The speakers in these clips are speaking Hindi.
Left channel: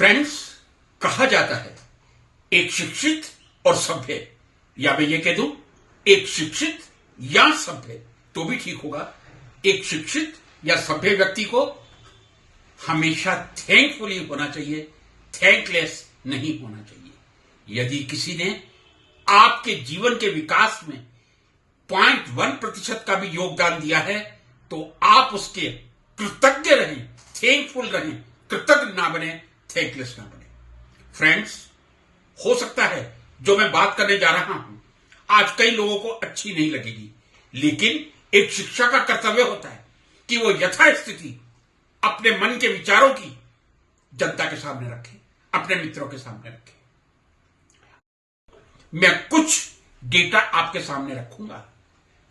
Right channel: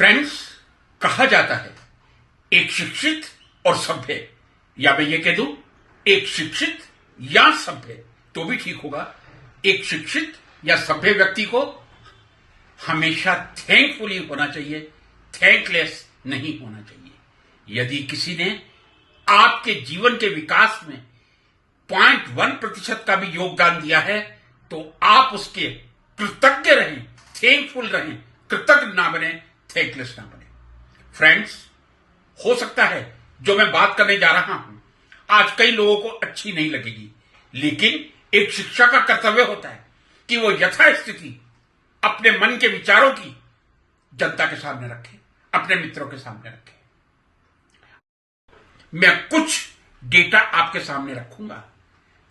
फ्रेंड्स, कहा जाता है एक शिक्षित और सभ्य, या मैं ये कह दूं एक शिक्षित या सभ्य तो भी ठीक होगा, एक शिक्षित या सभ्य व्यक्ति को हमेशा थैंकफुली होना चाहिए, थैंकलेस नहीं होना चाहिए। यदि किसी ने आपके जीवन के विकास में 0.1% का भी योगदान दिया है तो आप उसके कृतज्ञ रहें, थैंकफुल रहें, कृतज्ञ ना बने, थैंकलेस ना बने। फ्रेंड्स, हो सकता है जो मैं बात करने जा रहा हूं आज कई लोगों को अच्छी नहीं लगेगी, लेकिन एक शिक्षक का कर्तव्य होता है कि वो यथास्थिति अपने मन के विचारों की जनता के सामने रखे, अपने मित्रों के सामने रखे। मैं कुछ डेटा आपके सामने रखूंगा,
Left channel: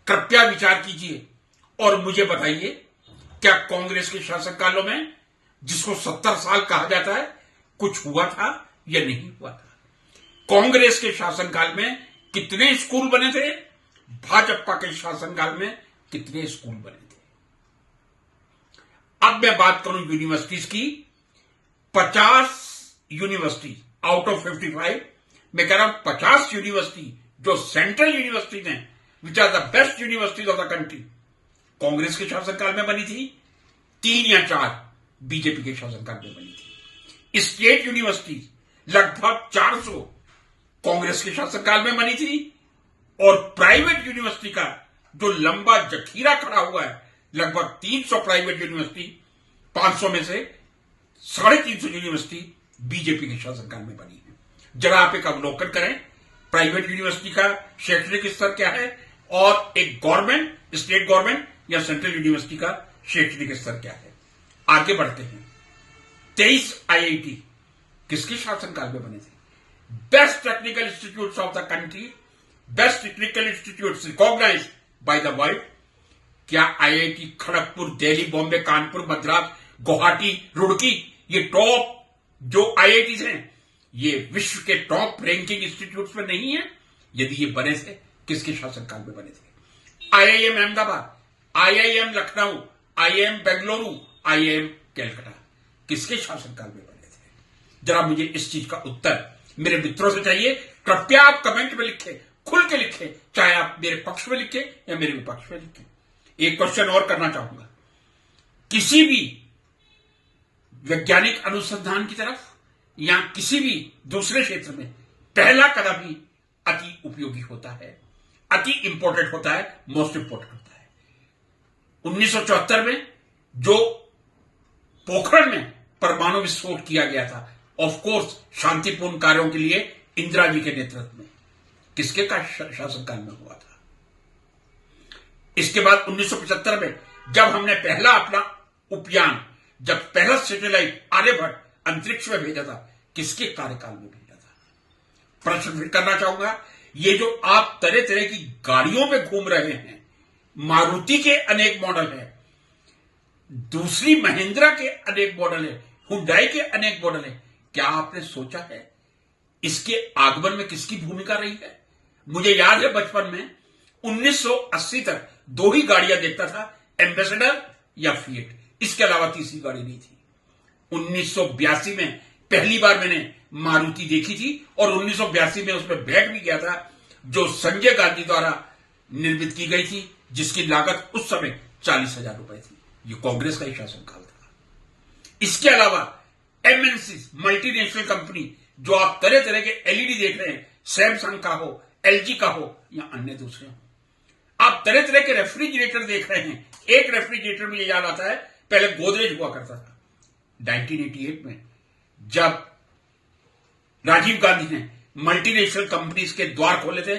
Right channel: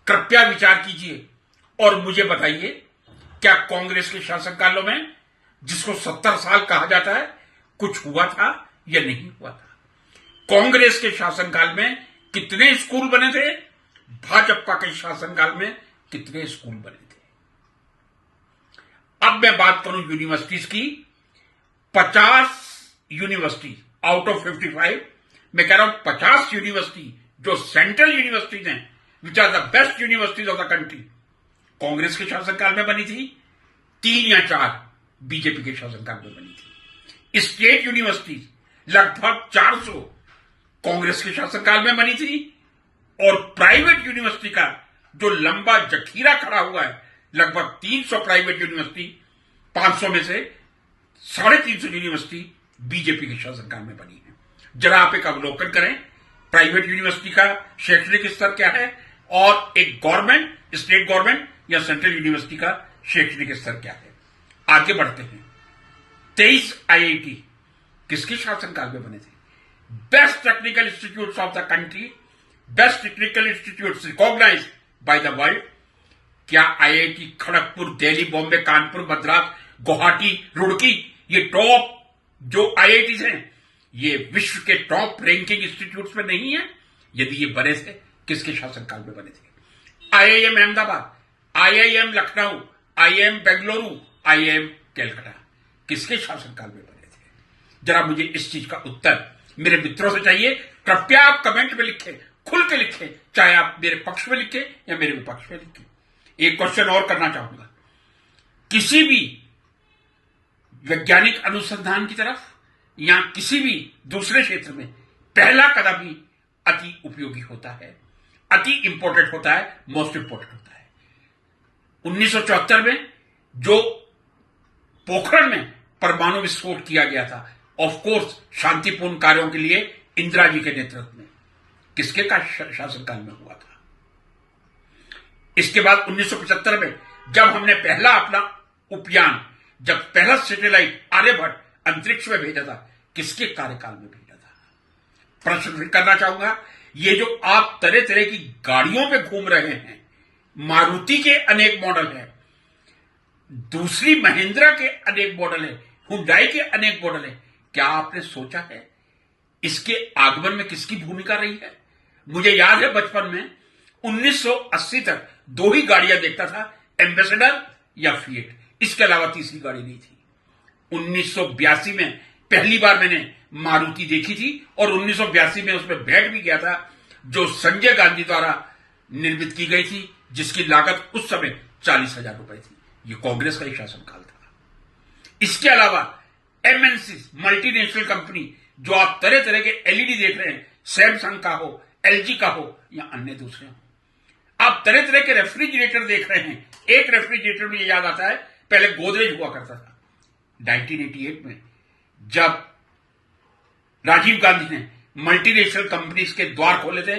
कृपया विचार कीजिए और मुझे बताइए, क्या कांग्रेस के शासनकालों में, जिसको 70 साल कहा जाता है, कुछ हुआ था या नहीं हुआ था? कांग्रेस के शासनकाल में कितने स्कूल बने थे? भाजपा के शासनकाल में कितने स्कूल बने थे? अब मैं बात करूं यूनिवर्सिटीज की, 50 यूनिवर्सिटी आउट ऑफ 55, मैं कह रहा हूं 50 यूनिवर्सिटी जो सेंट्रल यूनिवर्सिटीज हैं, which are the best universities of the country, Congress के शासनकाल में बनी थी। 3 या 4 बीजेपी के शासनकाल में बनी थी। स्टेट यूनिवर्सिटीज लगभग 400 कांग्रेस के शासनकाल में बनी थी, और प्राइवेट यूनिवर्सिटी का जो लंबा जखीरा खड़ा हुआ है, लगभग 300 प्राइवेट यूनिवर्सिटी, 500 में से 350 यूनिवर्सिटी बीजेपी के शासनकाल में बनी है। जरा आप एक अवलोकन करें, प्राइवेट यूनिवर्सिटी का शैक्षणिक स्तर क्या है और एक गवर्नमेंट, स्टेट गवर्नमेंट या सेंट्रल यूनिवर्सिटी का शैक्षणिक स्तर क्या है। आगे बढ़ते हैं। 23 आईआईटी किसके शासनकाल में बने थे? Best technical institutes of the country, best technical institutes recognised by the world. क्या आईआईटी खड़गपुर, दिल्ली, बॉम्बे, कानपुर, मद्रास, गुवाहाटी, रुड़की, ये टॉप जो आईआईटीज हैं, ये विश्व के टॉप रैंकिंग इंस्टीट्यूट्स में नहीं है? यदि ये बने थे, किसके शासनकाल में बने थे? IIM Ahmedabad, IIM Lucknow, IIM Bengaluru, IIM Calcutta किसके शासनकाल में बने थे? जरा मुझे इस चीज का उत्तर मेरे मित्रों से चाहिए। कृपया आप कमेंट में लिखें, खुल के लिखें, चाहे आप मेरे पक्ष में लिखें या मेरे विपक्ष में लिखें। एक क्वेश्चन और करना चाहूंगा, किसी भी वैज्ञानिक अनुसंधान की तरफ या किसी भी दूसरे क्षेत्र में पहला कदम ही अति उपयोगी होता है, अति इंपॉर्टेंट होता है, मोस्ट इंपॉर्टेंट होता है। 1974 में जो पोखरण में परमाणु विस्फोट किया गया था, ऑफ कोर्स शांतिपूर्ण कार्यों के लिए इंदिरा जी के नेतृत्व में, किसके का शासनकाल में हुआ था? इसके बाद 1975 में जब हमने पहला अपना उपयान, जब पहला सैटेलाइट आर्यभट्ट अंतरिक्ष में भेजा था, किसके कार्यकाल में भेजा था? प्रश्न फिर करना चाहूंगा, ये जो आप तरह तरह की गाड़ियों में घूम रहे हैं, मारुति के अनेक मॉडल हैं, दूसरी महिंद्रा के अनेक मॉडल है, हुंडई के अनेक मॉडल है, क्या आपने सोचा है इसके आगमन में किसकी भूमिका रही है? मुझे याद है बचपन में 1980 तक 2 ही गाड़ियां देखता था, एम्बेसडर या फिएट, इसके अलावा तीसरी गाड़ी नहीं थी। 1982 में पहली बार मैंने मारुति देखी थी और 1982 में उसमें बैठ भी गया था, जो संजय गांधी द्वारा निर्मित की गई थी, जिसकी लागत उस समय 40,000 रुपए थी। ये कांग्रेस का ही शासनकाल था। इसके अलावा एमएनसी, मल्टीनेशनल कंपनी, जो आप तरह तरह के एलईडी देख रहे हैं, सैमसंग का हो, एलजी का हो या अन्य दूसरे हो, आप तरह तरह के रेफ्रिजरेटर देख रहे हैं। एक रेफ्रिजरेटर मुझे याद आता है, पहले गोदरेज हुआ करता था। 1988 में जब राजीव गांधी ने मल्टीनेशनल कंपनीज के द्वार खोले थे,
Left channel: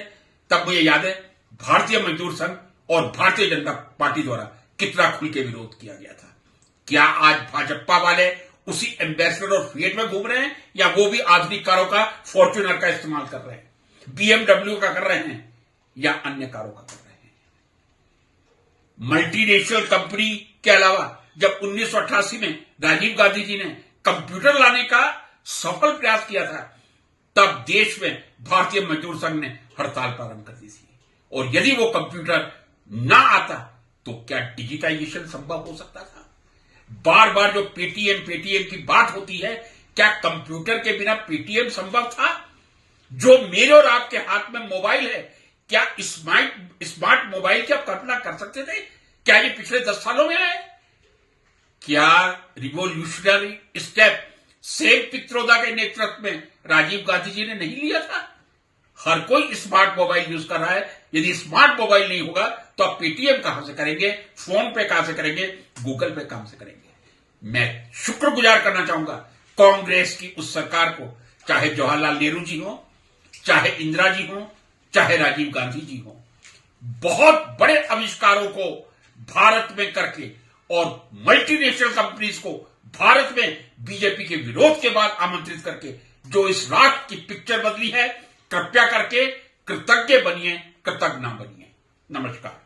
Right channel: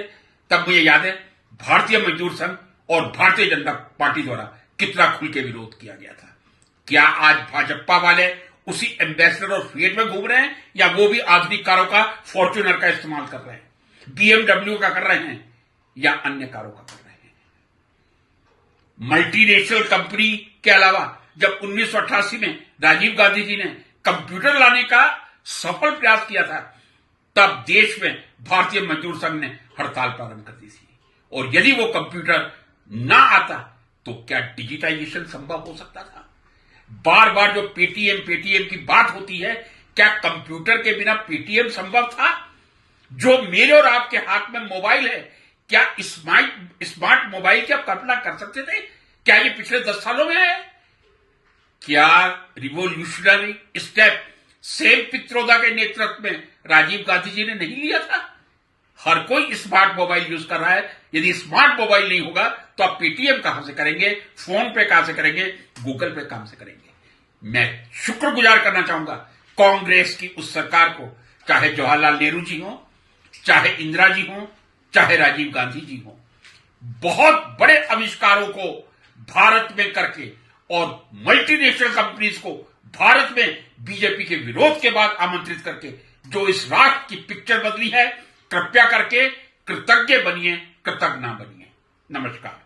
तब मुझे याद है भारतीय मजदूर संघ और भारतीय जनता पार्टी द्वारा कितना खुल के विरोध किया गया था। क्या आज भाजपा वाले उसी एम्बेसडर और फिएट में घूम रहे हैं, या वो भी आधुनिक कारों का, फॉर्च्यूनर का इस्तेमाल कर रहे हैं, बीएमडब्ल्यू का कर रहे हैं, या अन्य कारों का कर रहे हैं? मल्टीनेशनल कंपनी के अलावा जब 1988 में राजीव गांधी जी ने कंप्यूटर लाने का सफल प्रयास किया था, तब देश में भारतीय मजदूर संघ ने हड़ताल प्रारंभ कर दी थी। और यदि वो कंप्यूटर ना आता तो क्या डिजिटाइजेशन संभव हो सकता था? बार बार जो पेटीएम की बात होती है, क्या कंप्यूटर के बिना पेटीएम संभव था? जो मेरे और आपके हाथ में मोबाइल है, क्या स्मार्ट मोबाइल की आप कल्पना कर सकते थे? क्या ये पिछले 10 सालों में है? क्या रिवोल्यूशनरी स्टेप सेम पित्रोदा के नेतृत्व में राजीव गांधी जी ने नहीं लिया था? हर कोई स्मार्ट मोबाइल यूज कर रहा है। यदि स्मार्ट मोबाइल नहीं होगा तो आप पेटीएम कहां से करेंगे, फोन पे कहां से करेंगे, गूगल पे कहां से करेंगे? मैं शुक्रगुजार करना चाहूंगा कांग्रेस की उस सरकार को, चाहे जवाहरलाल नेहरू जी हो, चाहे इंदिरा जी हो, चाहे राजीव गांधी जी हो। बहुत बड़े आविष्कारों को भारत में करके और मल्टीनेशनल कंपनीज को भारत में बीजेपी के विरोध के बाद आमंत्रित करके जो इस राष्ट्र की पिक्चर बदली है, कृपया करके कृतज्ञ बनिए, कृतज्ञ ना बनिए। नमस्कार।